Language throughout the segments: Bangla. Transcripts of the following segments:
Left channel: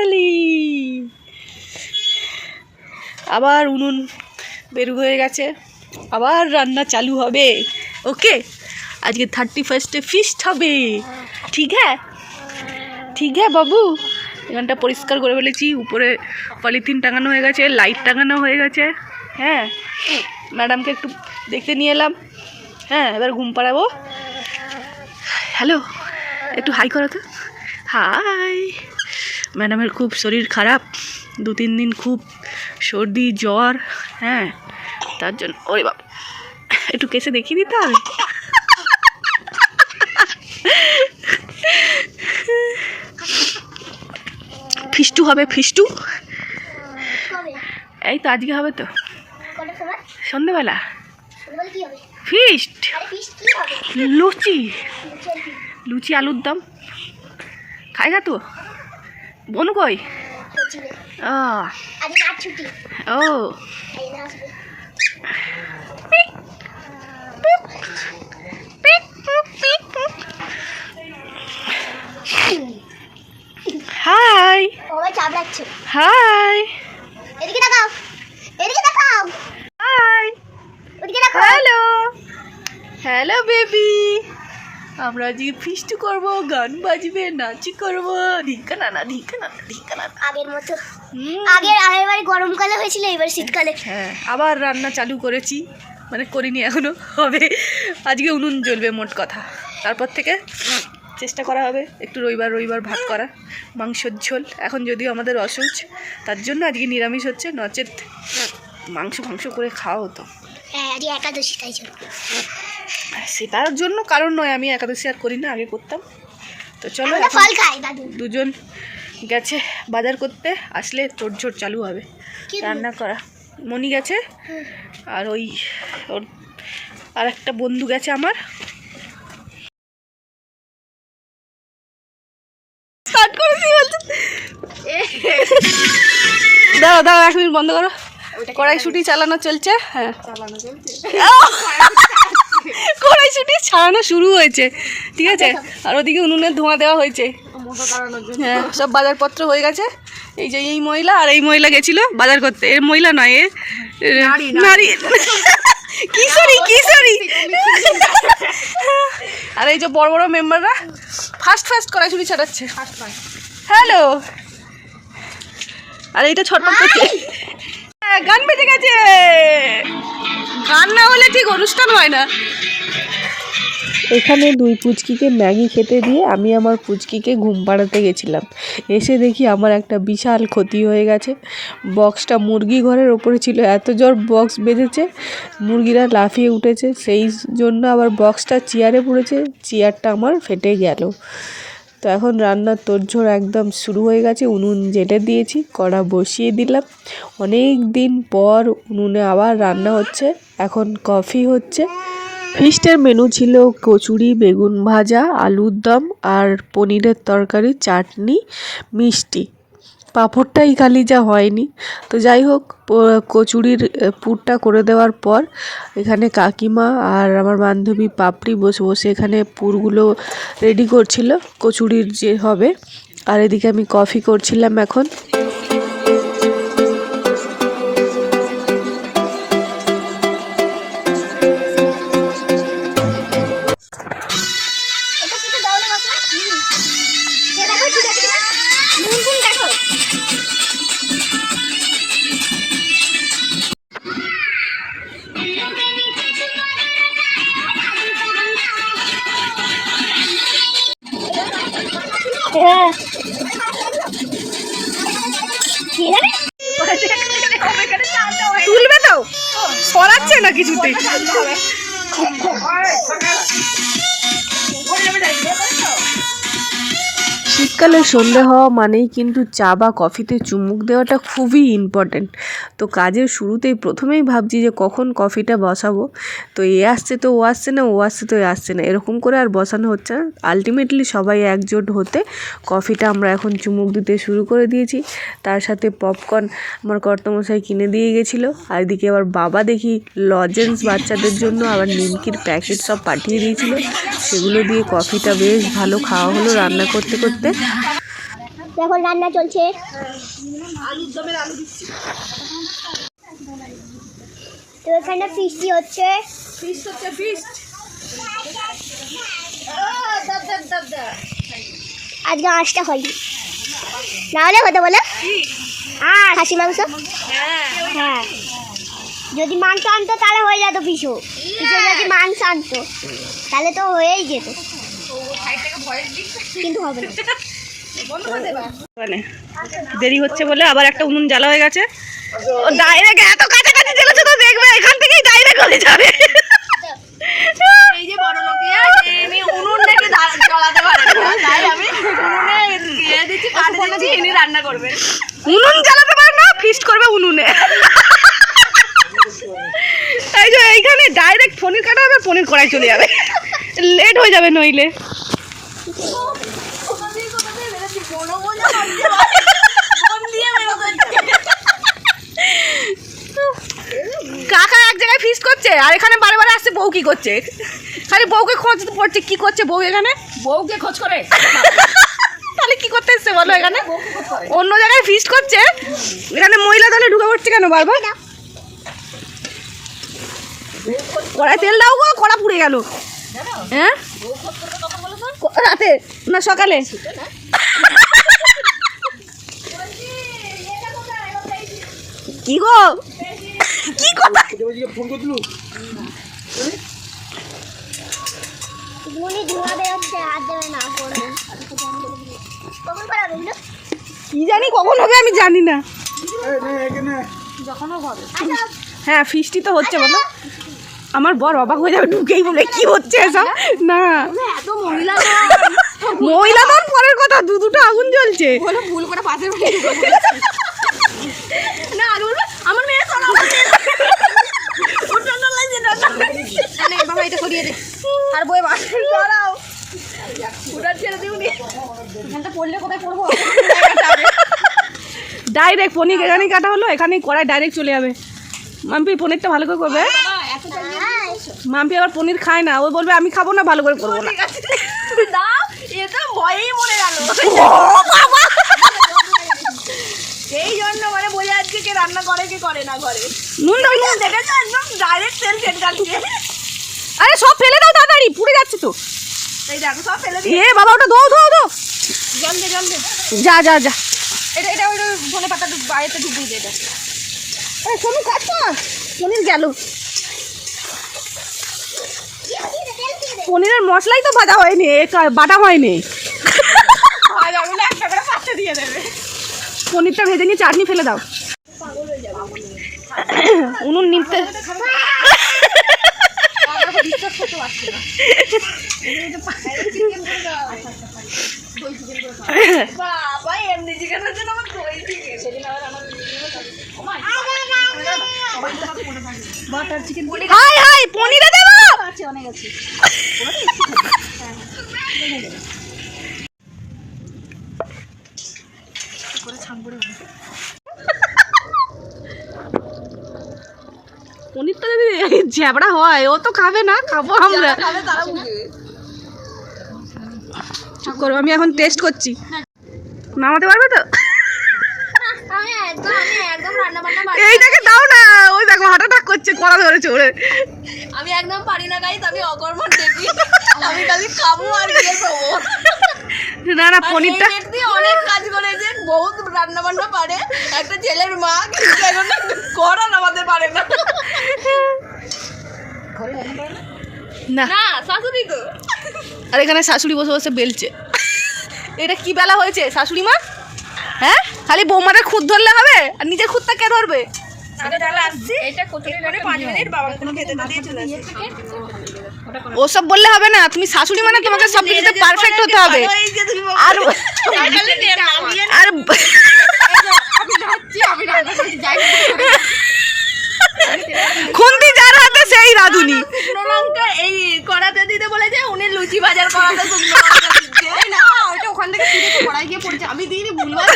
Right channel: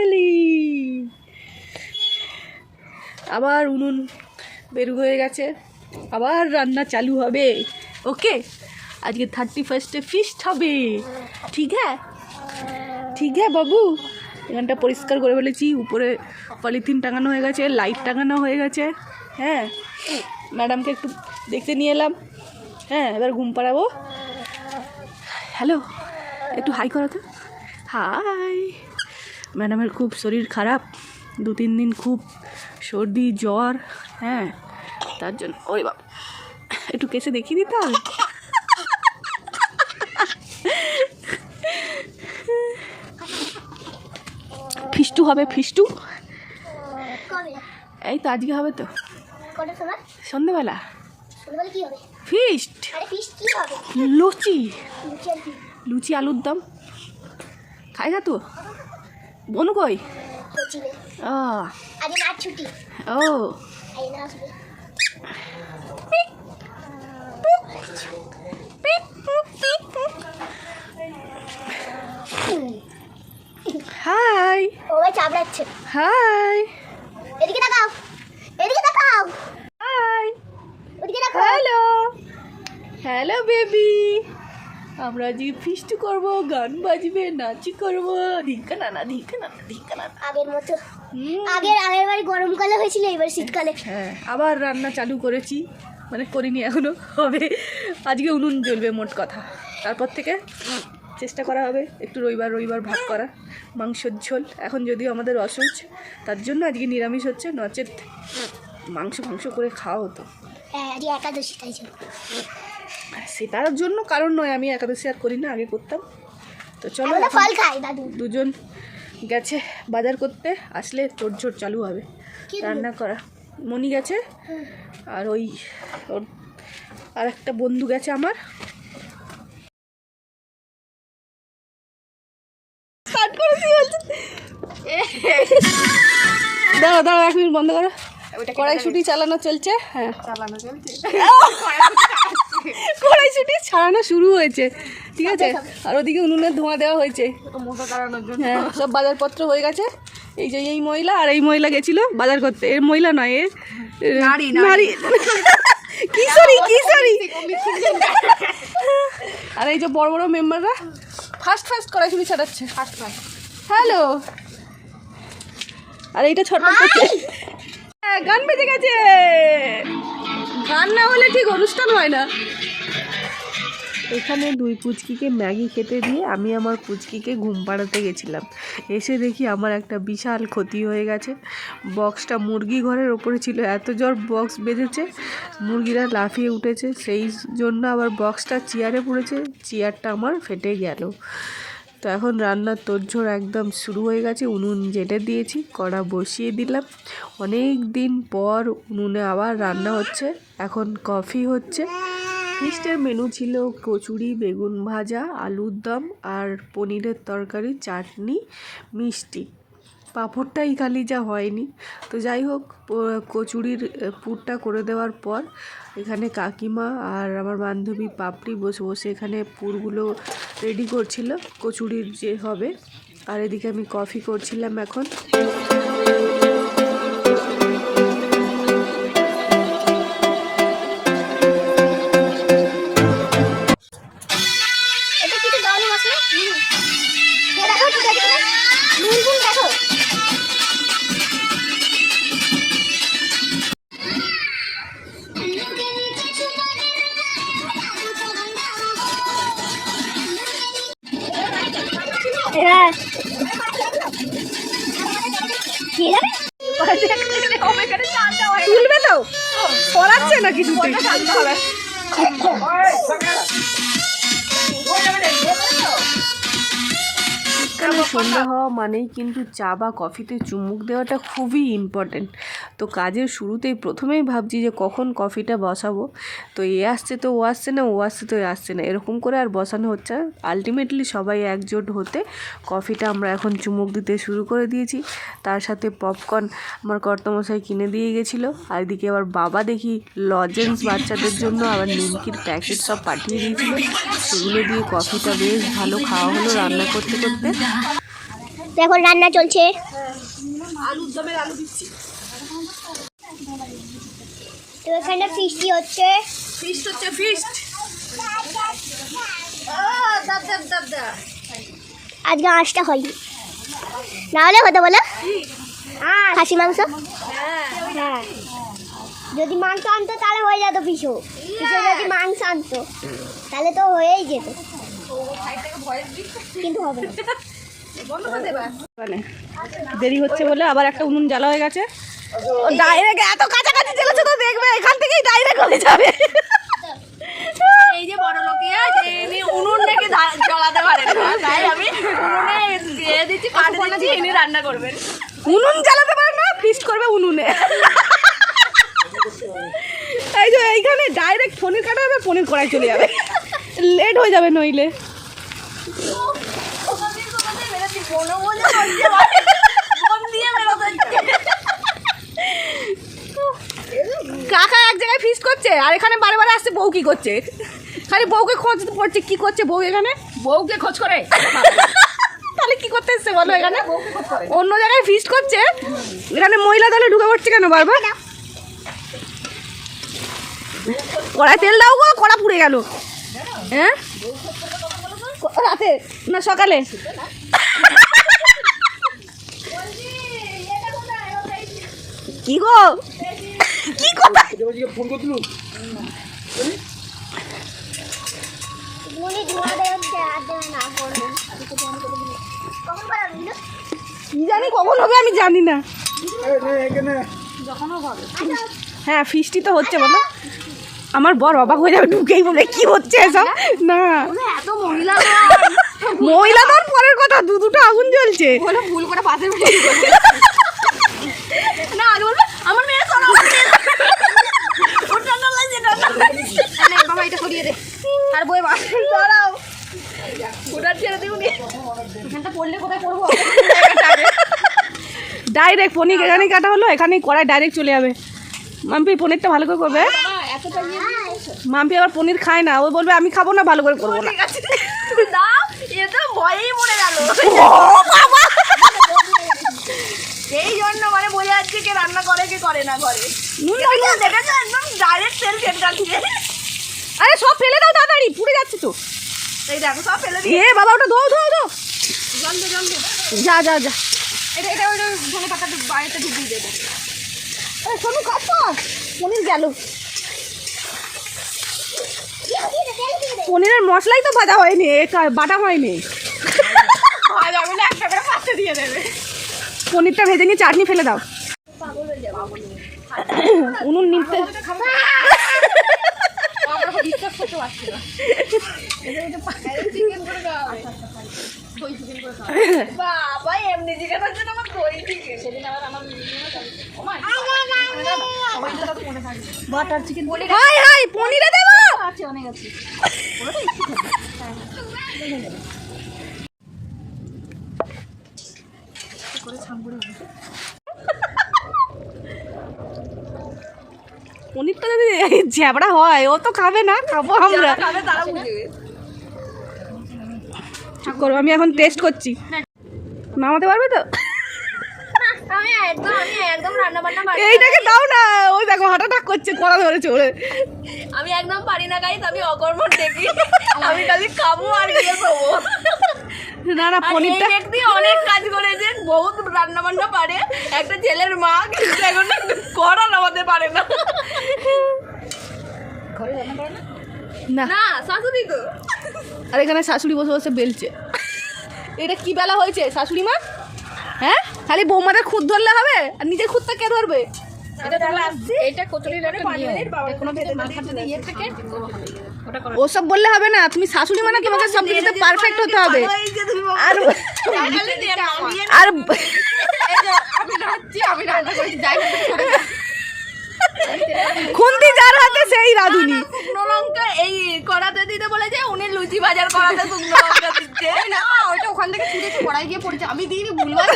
ফাইনালি আবার উনুন বেরু হয়ে গেছে, আবার রান্না চালু হবে। ওকে, আজকে 31 ফিস্ট হবে। ঠিক হ্যাঁ, ঠিক হ্যাঁ বাবু। এখানটা পরিষ্কার করে ফেলেছি, উপরে পলিথিন টাঙানো হয়ে গেছে, লাইট টাঙানো হয়ে গেছে। হ্যাঁ, ম্যাডামকে একটু দেখতে নিয়ে এলাম। হ্যাঁ, এবার ঘুম পাড়াবো। হ্যালো, একটু হাই করো তো। হাই। ম্যাডামের খুব শরীর খারাপ, 2-3 দিন খুব সর্দি জ্বর। হ্যাঁ, তার জন্য ওরে বাবা একটু কেসে দেখিয়ে দিতে হবে। ফিস্টু হবে, ফিস্টু। এই তো আজকে হবে তো, সন্ধ্যেবেলা ফিস্ট। লুচি, লুচি আলুর দম খাইগা তো। বনু কই? ও হাই হাই, এদিকে তাকাও, এদিকে তাকাও, হাই, ওদিকে তাকাও। Hello hello baby. আমরা আজকে ফিস্ট করব, গান বাজবে, নাচি করব। ধিক্কা নানা, ধিক্কা নানা, ধিক্কা নানা। আগের মতো, আগের গরমকালে হয়েছিল, এবার শীতকালে। হ্যাঁ, আবার রান্না চালু করেছি, মানে করিনি এখনো, হবে। আজকে উনুন জ্বলবে মোট কথা। তারপর থেকে চেষ্টা করা হবে একটু রবিবার ভাত করা, মাংসের ঝোল। এখন যদিও আমাদের অসুচ, তার জন্য আজকে নিরামিষ হচ্ছে, নচেত মাংস করে খাওয়া হতো। হ্যাঁ, আজকে একাদশী, তাই জন্য। সেটার জন্য কারণ নয়, আমি একাদশী আর করি না, আগে করতাম। তো চলো, ফল খাই দাদু। দুজন গেছে বাজার করতে, আসলে তোড়জোড় চালু হবে রান্না করা। মনি গেছে, আর ওর আর একটা বন্ধু গেছে আমার। স্টার্ট করেছি বলছে। দাঁড়াও 1 মিনিট বন্ধ করো। কড়াইশুঁটি চালানো চলছে। হ্যাঁ, চালানো চলছে। কড়াইশুঁটি ছাড়ানো শুরু হয়েছে, ঠিক আছে। আর ওদিকে উনুনের ধোঁয়া দেওয়া হয়েছে। হ্যাঁ, সব বাজারপত্র হয়ে গেছে। এই যে এই মহিলা আর এই মহিলা গেছিল বাজার করতে। এর মহিলা নয়, এ নারী, কিশোরী। আর এই যে বড় বড় মেম্বাররা ফার্স্ট কড়াইশুঁটি ছাড়াচ্ছে। হ্যালো, আর এইটা ছটপট করছে। গান বেজে গেছে, গান না হলে ঠিক অনুষ্ঠান হয় না। এখানে 2 পুচকিকে ম্যাগি খেতে দিয়ে আমি আমার পুচকিকে ঘুম পাড়াতে গেছিলাম। এসে দেখি আমার একটা বিশাল ক্ষতি হয়ে গেছে। বক্সটা মুরগি ঘরের ওপরে ছিল, এত জোর বক্স বেজেছে, মুরগিরা লাফিয়ে উঠেছে। সেই জন্য আবার বক্সটা চেয়ারে পড়েছে, চেয়ারটা আমার ফেটে গেল। তো এখন রান্নার তোড়জোড় একদম শুরু হয়ে গেছে। উনুন জ্বেলে দিয়েছি, কড়া বসিয়ে দিলাম। অনেক দিন পর উনুনে আবার রান্না হচ্ছে। এখন কফি হচ্ছে। ফিস্টের মেনু ছিল কচুরি, বেগুন ভাজা, আলুর দম আর পনিরের তরকারি, চাটনি, মিষ্টি। পাঁপড়টাই খালি যা হয়নি। তো যাই হোক, কচুরির পুরটা করে দেওয়ার পর এখানে কাকিমা আর আমার বান্ধবী পাপড়ি বসে এখানে পুরগুলো রেডি করছিল, কচুরির যে হবে। আর এদিকে আমি কফি করছিলাম এখন। তুলবে তো, সরাচ্ছে না কিছুতে। শীতকালে সন্ধ্যা হওয়া মানেই কিন্তু চা বা কফিতে চুমুক দেওয়াটা খুবই ইম্পর্টেন্ট। তো কাজের শুরুতেই প্রথমেই ভাবছি যে কখন কফিটা বসাবো। তো এ আসছে তো ও আসছে না, ও আসছে তো এ আসছে না, এরকম করে আর বসানো হচ্ছে না। আলটিমেটলি সবাই একজোট হতে কফিটা আমরা এখন চুমুক দিতে শুরু করে দিয়েছি। তার সাথে পপকর্ন আমার কর্তামশাই কিনে দিয়ে গেছিলো। আর এদিকে আবার বাবা দেখি লজেন্স বাচ্চাদের জন্য আবার নিমকির প্যাকেট সব পাঠিয়ে দিয়েছিলো। সেগুলো দিয়ে কফিটা বেশ ভালো খাওয়া হলো রান্না করতে করতে। এখন রান্না চলছে। আলুর দমের আলু দিচ্ছি। তো এখানে ফিস্টি হচ্ছে। ফিস্ট হচ্ছে ফিস্ট। আজকে মাছটা হয়নি, না হলে হতো বলো খাসি মাংস। হ্যাঁ, যদি মাংস আনতো তাহলে হয়ে যেত পিছু যদি মাংস আনতো তাহলে তো হয়েই যেত, কিন্তু হবে না। মানে দেরি হচ্ছে বলে আবার একটা উনুন জ্বালা হয়ে গেছে। ও ডাইরেক্ট এত কাছাকাছি জ্বেলেছে তো দেখবে এখান থেকেই ডাইরেক্ট হয়ে যাবে। এই যে বড় লোকিয়া এনে উনুন থেকে জ্বালাতে পারে না, তাই আমি উনুনে দিয়ে দিচ্ছি, কাঠটা দিয়ে এনে রান্না করবে। উনুন জ্বালাতে পারে না, ফিস্ট করবে উনুনে। এই যে এইখানে ডাইরেক্ট পনির কাটা হবে, পনির কড়াই চলে যাবে, লেট হয়ে যাবে নইলে। কাকা এক জায়গায় ফিস্ট করছে আর এখানে বারে বারে আসছে বউ কি করছে, খালি বউকে খোঁজ পড়ছে। কি করছে বউ এখানে? বউকে খোঁজ করে। তাহলে কি করতে এসছে বলো? এখানে অন্য জায়গায় ফিস্ট করছে, এখানে মহিলা দলে ঢুকে পড়ছে কেন বারবার? কড়াই তেল দাও গো, কড়া পুড়ে গেল। হ্যাঁ, রাতে না সকালে? কি গো, কি কথা? কি জানি কখন হবে, আমি জানি না। হ্যাঁ, ফিস্টি তো হচ্ছে বলো। আমার বর অবাক হয়ে যাবে ঢুকেই বলে কি হচ্ছে এসব। না মহিলা তো পরের কথা, দুটো আগুন জ্বলছে। ভুল করে পাশে না আগে বলবে আমার মেয়ে করা বাবা, এটা সরিয়ে দে আর বই বাসে দাঁড়াও, উদার ছেড়ে দিউনি। এখানটা পড়লে কোথায় পড়বো? ডাইরেক্ট পনির এখানেই কাটা হলো, এখানেই কড়াই ডাইরেক্ট চলে যাবে। মাম্পি পনিরটা ভালো করে করবে। মাম্পি আবার পনির খায় না, ওই বলবে আমি খাবো না, ভালো করে করবো না। এই জন্য মানে বোঝা যাচ্ছে কে রান্না করে কে করে না ঘরে। একদম ডাইরেক্ট তেল কেটে যাচ্ছে। আরে সব ফেলে দাও তাড়াতাড়ি, পুড়ে যাচ্ছে তো। এই দেখো সব ফেলে দিয়ে। এ বাবা ওটা ধো ধো ধো, জল দে জল দে। যা যা যা, এটা এটা ওই ধনে পাতা বাইরেতে ঢুকিয়ে দে। এটা এই সোনু কাট কর, পনির গেল। পনিরের মশলাই তো বাটা হয়নি, বাটা হয়নি। পনিরটা ভেজে নিয়ে চাটনি ফেলে দাও। উনুন নিমতে পনিরে দেবো। পনিরটা যদি ঝ্যাবড়া হয় ও তো খাবে না, খাবো আমরা। চুপ করো, আমি এখন টেস্ট করছি। নামাতে পারবে তো? এইটাকে দাও না, ওই দেখো হার্ট অ্যাটাক করছে, কড়া ধরেছে ওরে। আমি একদম পারি না গাইস, আমি অকর্মণ দেখি, আমি খালি খাবো আর বিয়ে করবো। না না, পনিরটা অনেক কাজ করেছে, বহুত রান্না বান্না পারে, একটা ছেলের মা, কিন্তু এখন কড়া নামাতে পারে না। না শাশুড়ি তো, আর এখানে শাশুড়ি বসে বসে বেলছে। এটা কি বেলা হয়েছে শাশুড়ি মা? হ্যাঁ, খালি বৌমাদের খুদ ধরলে হবে, আর নিজের খুদটা কে ধরবে? ওসব বললে হবে না, তুমি শাশুড়ি মানে তোমাকে সব কিছুতে পারফেক্ট হতে হবে। আর খুন্তি যার হাতে সেই রাঁধুনি। এই কড়াতে দিতে বলেছে, উনি লুচি বাজার করাতে না, ওইটা ওখান থেকে কড়াই গিয়ে পড়েছে, আমি দিইনি, ভুলবার।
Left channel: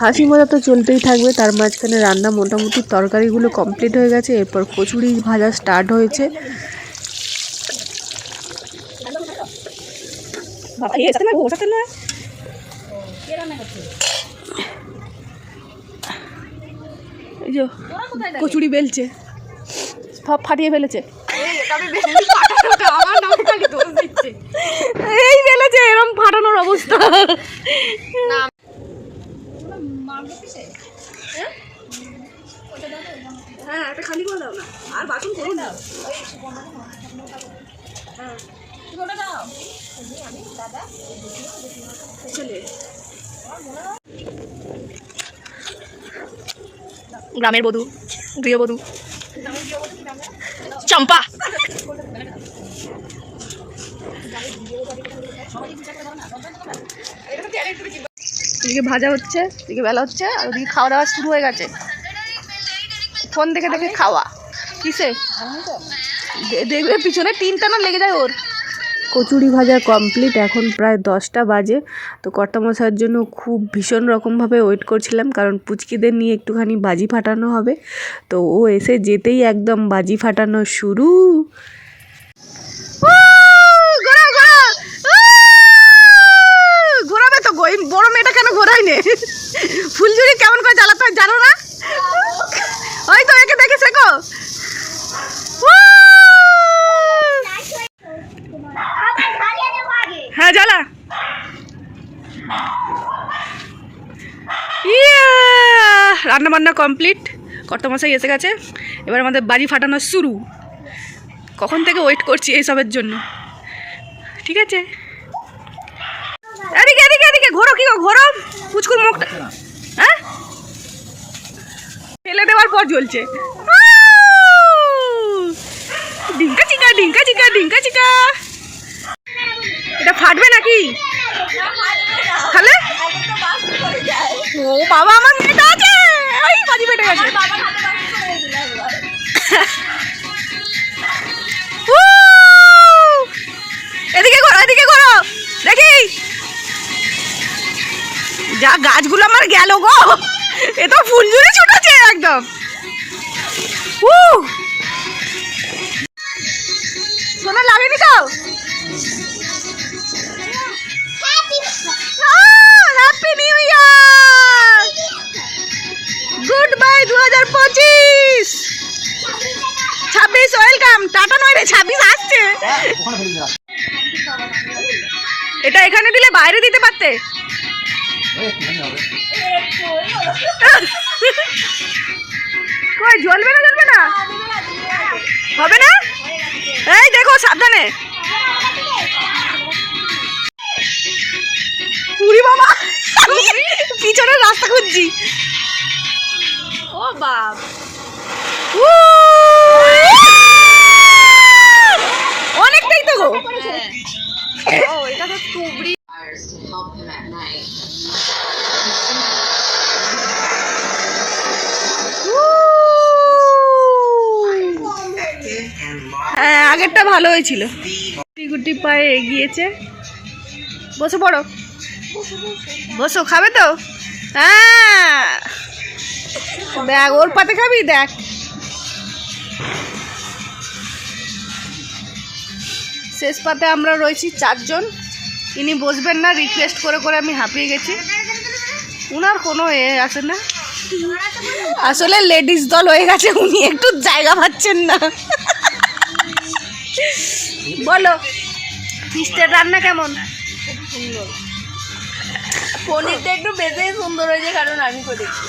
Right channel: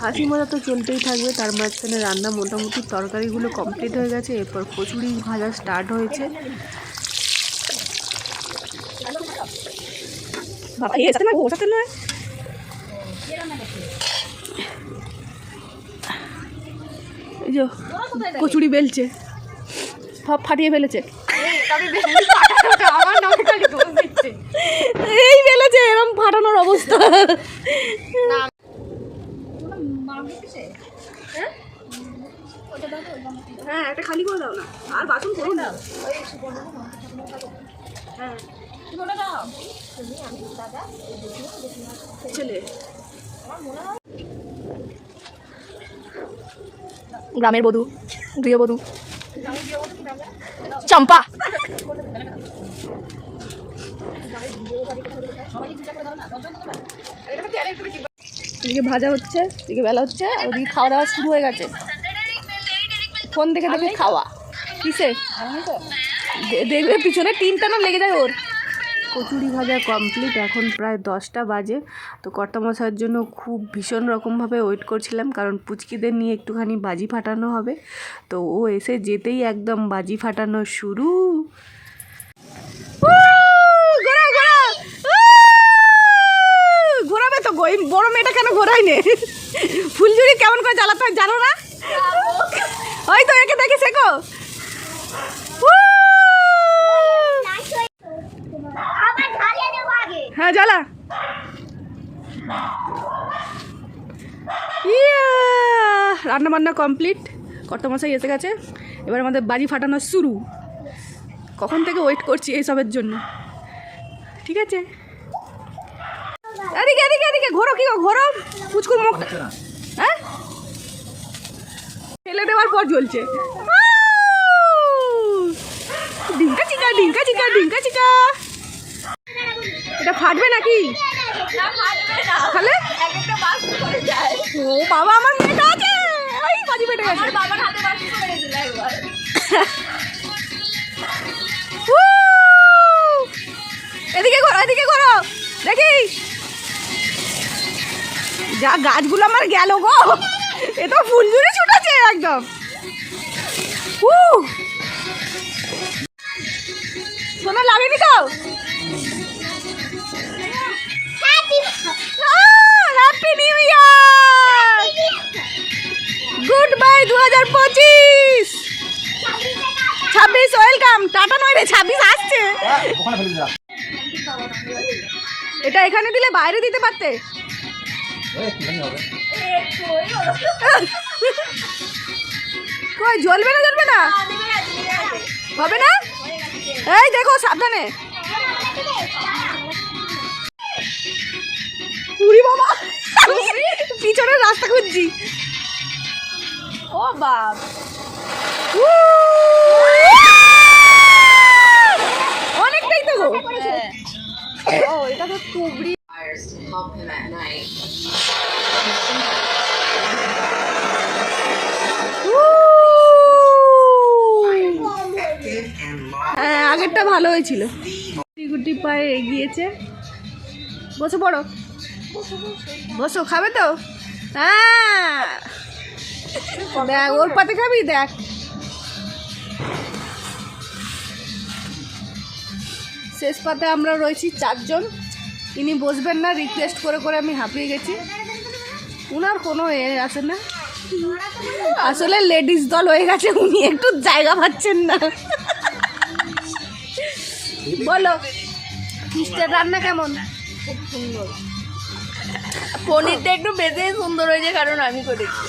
হাসি মজা তো চলতেই থাকবে, তার মাঝখানে রান্না মোটামুটি তরকারিগুলো কমপ্লিট হয়ে গেছে। এরপর কচুরি ভাজা স্টার্ট হয়েছে। বাবা এই সাথে না ওর সাথে নয়। এই যে কচুরি বেলছে, সব ফাটিয়ে ফেলেছে। এই বেলেছে, এরকম ফাটানোর অবস্থা। হ্যাঁ একটা খালি করে দাও না, আর বাসন করো না। হ্যাঁ চলে গ্রামের বধূ, গৃহবধূ চম্পা। এদিকে ভাজা হচ্ছে, এদিকে বেলা হচ্ছে, আর ওদিকে খাওয়া দাওয়া শুরু হয়ে গেছে। ফোন দেখে দেখে খাওয়া। কিসে দেখবে পিছনে টিনটা না লেগে যায় ওর। কচুরি ভাজা কমপ্লিট, এখন প্রায় 10টা বাজে। তো কর্তামশাইয়ের জন্য খুব ভীষণ রকমভাবে ওয়েট করছিলাম, কারণ পুচকিদের নিয়ে একটুখানি বাজি ফাটানো হবে। তো ও এসে যেতেই একদম বাজি ফাটানো শুরু। ঘোরাবে তো, বড় মেয়েটা কেন ঘোরাই নে? ফুলঝুরি কেমন করে জ্বালাতে হয় জানো না? ওই তো একে দেখে শেখো। হ্যাঁ জ্বালা। রান্না বান্না কমপ্লিট, কর্তামশাই এসে গেছে। এবার আমাদের বাজি ফাটানো শুরু। কখন থেকে ওয়েট করছি এইসবের জন্য। ঠিক আছে, এদিকে এদিকে এদিকে ঘোরো, কি ঘোরো পুচকুর মুখটা। হ্যাঁ ফেলে দেওয়ার পর জ্বলছে। ডিঙ্কা চিকা ডিঙ্কা চিকা ডিঙ্কা চিকা। এটা ফাটবে নাকি? তাহলে ও বাবা, আমার মেয়েটা আছে, ওই বাজি ফেটে গেছে। এদিকে ঘোরো, এদিকে ঘোরো, দেখি। যা গাছগুলো আমার গেল গো, এ তো ফুলঝুরি ছুটেছে একদম। সোনা লাগেনি তো? হ্যাপি নিউ ইয়ার, গুড বাই 2025। 26 ওয়েলকাম, টাটা নয় রে, 26 আসছে। এটা এখানে দিলে বাইরে দিতে পারতে। কই জ্বলবে না, জ্বলবে না, হবে না? এই দেখো সাবধানে। উড়ি বাবা, পিছনের রাস্তা খুঁজছি। ও বাপ, অনেকটাই তো গো। ও এটা তো তুবড়ি। হ্যাঁ আগেরটা ভালো হয়েছিল। গুটি গুটি পায়ে এগিয়েছে। বসো পড়ো, বসো, খাবে তো? হ্যাঁ দেখ ওর পাতে খাবি, দেখ। শেষ পাতে আমরা রয়েছি 4 জন। ইনি বসবেন না, রিকোয়েস্ট করে করে আমি হাঁপিয়ে গেছি। উনার কোনো আছে না, আসলে লেডিস দল হয়ে গেছে, উনি একটু জায়গা পাচ্ছেন না। বলো ফিস্টের রান্না কেমন? খুব সুন্দর। পনিরটা একটু বেশি সুন্দর হয়েছে, কারণ আমি করেছি।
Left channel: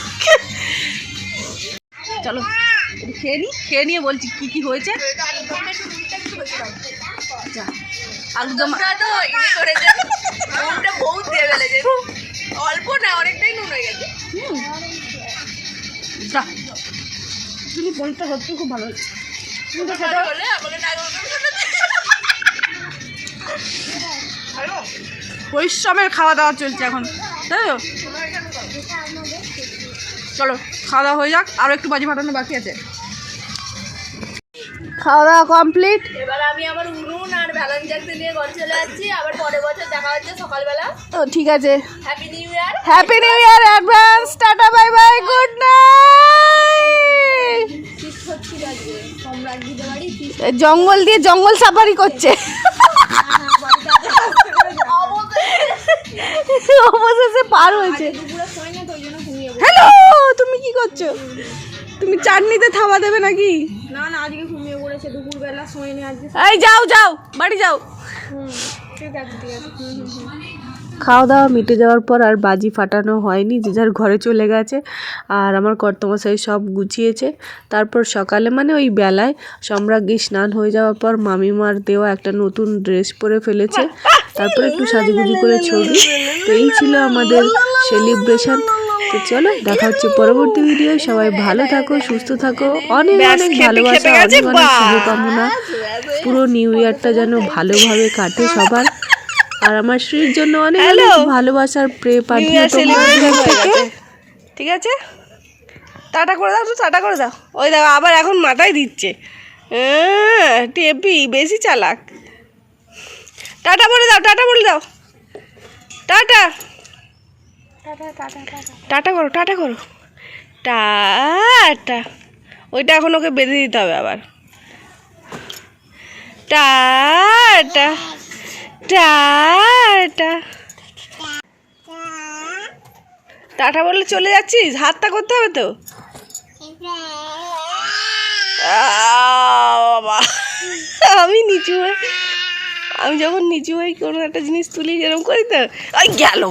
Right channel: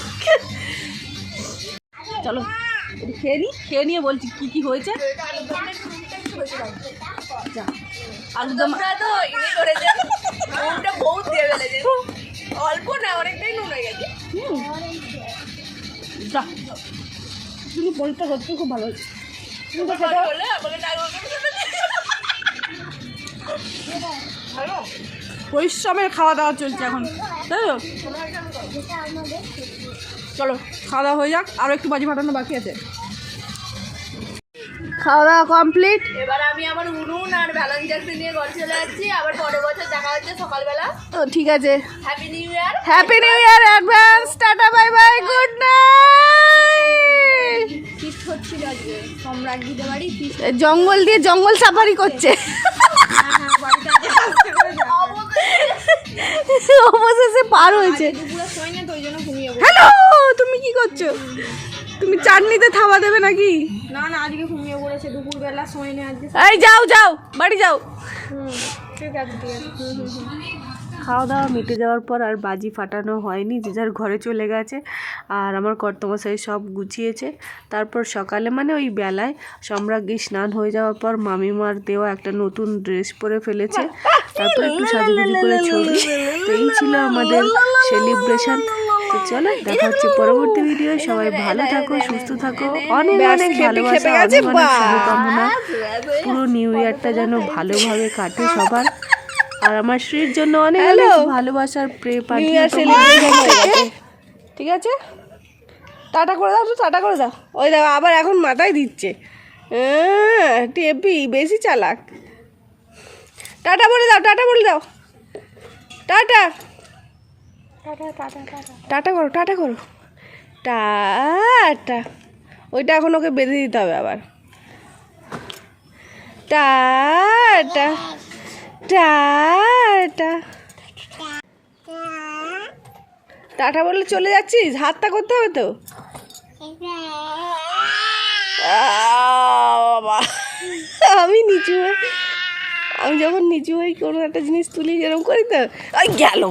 চলো খেয়ে নি, খেয়ে নিয়ে বলছি কি কি হয়েছে। আলুদমটা তো ইনি করেছে, নুনটা বহুত দিয়ে ফেলেছে। অল্প না, অনেকটাই নুন হয়ে গেছে। তুমি পনিরটা সত্যি খুব ভালো হয়েছে। তুমি তো খেতে হলে আমাকে পরিশ্রমের খাওয়া দাওয়া চলছে এখন, তাই তো? চলো খাওয়া দাওয়া হয়ে যাক, আরও একটু বাজি ফাটানো বাকি আছে। খাওয়া দাওয়া কমপ্লিট। এবার আমি আমার উনুন আর ভ্যালেন্টাইন্স নিয়ে ঘরে চলে যাচ্ছি। আবার পরের বছর দেখা হচ্ছে সকালবেলা। ও ঠিক আছে, happy new year. Happy new year advance, tata bye bye, good night. Feast হচ্ছে আজকে সম্রাটজিদের বাড়ি, জঙ্গল দিয়ে জঙ্গল সাফারি করছে। অবশেষে পার হয়েছে। হ্যালো, তুমি কি করছো? তুমি চাটনিতে থাবা দেবে নাকি? না না, আজকে ঘুমিয়ে পড়েছে, দুপুরবেলা শোয়নি আজকে। এই যাও যাও, বাড়ি যাও। ঠিক আছে ঠিক আছে। খাওয়া দাওয়া মিটে যাওয়ার পর আর বাজি ফাটানো হয়নি, যে যার ঘরে চলে গেছে। আর আমার কর্তমশাই সব গুছিয়েছে। তারপর সকালে মানে ওই বেলায় সম্রাজ্ঞী স্নান হয়ে যাওয়ার পর মামিমার দেওয়া একটা নতুন ড্রেস পরে ফেলেছে। তারপর একটু সাজুগুজু করে ছবি। তো এই ছিল আমাদের সেলিব্রেশন। তো চলো, দেখা হচ্ছে পরবর্তী ভিডিও। সবাই ভালো থাকো, সুস্থ থাকো, অনেক অনেক ভালোবাসা, অনেক অনেক শুভকামনা। পুরো নিউ ইয়ারটা যেন ভালোভাবে কাটে সবার। আর আমার শ্রীর জন্য অনেক অনেক ভালোবাসার প্রে পাঠিয়ে তোমাদের। ঠিক আছে, টাটা করে দাও তো, টাটা করে দাও। ওই দাও আবার এখন মাথায় দিচ্ছে। টেপি বেশি চালাক। টাটা বলে দাও, টাটা বলে দাও, টাটা টাটা করো, টাটা করো, টাটা। ওইটা এখন ওকে বেঁধে দিতে হবে আবার। Tata tata. টাটা বলে চলে যাচ্ছিস? হাতটা করতে হবে তো। বাবা, আমি নিচু হয়ে, আমি যখন নিচু হয়ে কোনো একটা জিনিস তুলি এরকম করি তো, ওই গেল।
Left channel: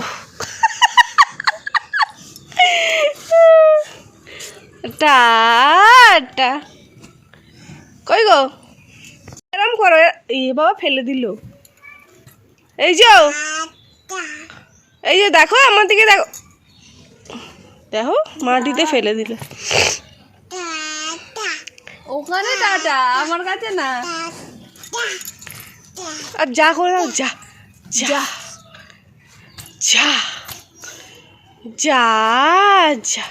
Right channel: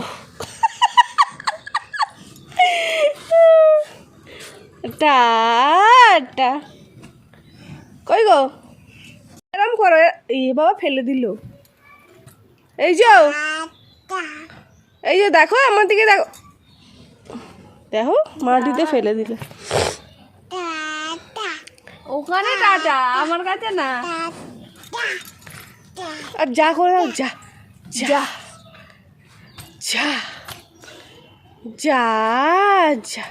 টাটা। কই গো, এরম করো। এ বাবা ফেলে দিল। এই যে, এই যে দেখো আমার দিকে দেখো, দেখো মাটিতে ফেলে দিল। ওখানে টাটা, আমার কাছে না। আর যা করে দাও, যা যা যা যা যা।